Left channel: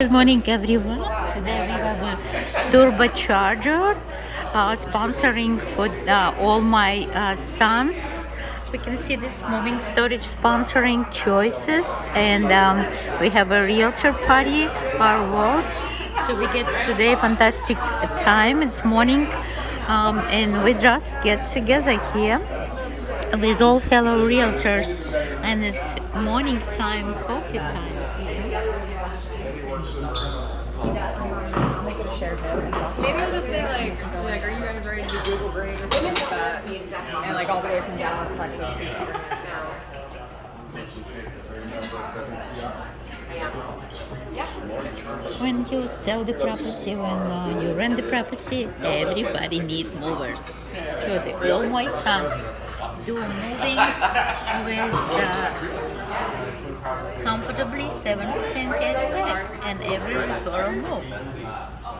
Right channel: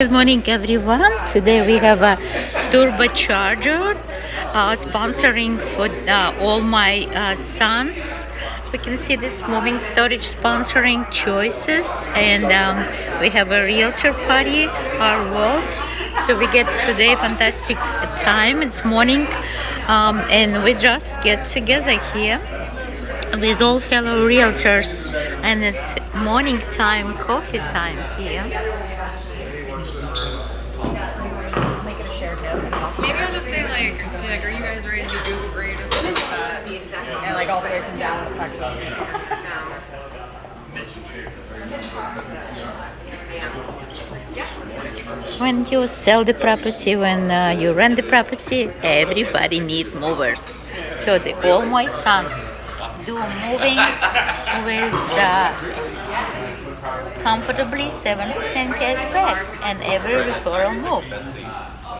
Good morning, everyone. Today we have a turbocharger sponsoring for all my sons. We can see this moving storage sponsoring choices, and we have a realtor party, our world. So we get today fantastic time. It's morning, and we just get together here with all fellow realtors, and it's morning time, coffee time here. Maybe I'll just say like, are you guys ready to do Google Grade or something like that? And like all the way from Dallas, Texas. When you sell the property, when you rent the property, everybody need movers. So all my sons do moving with comfortably 7% cash back and every referral move.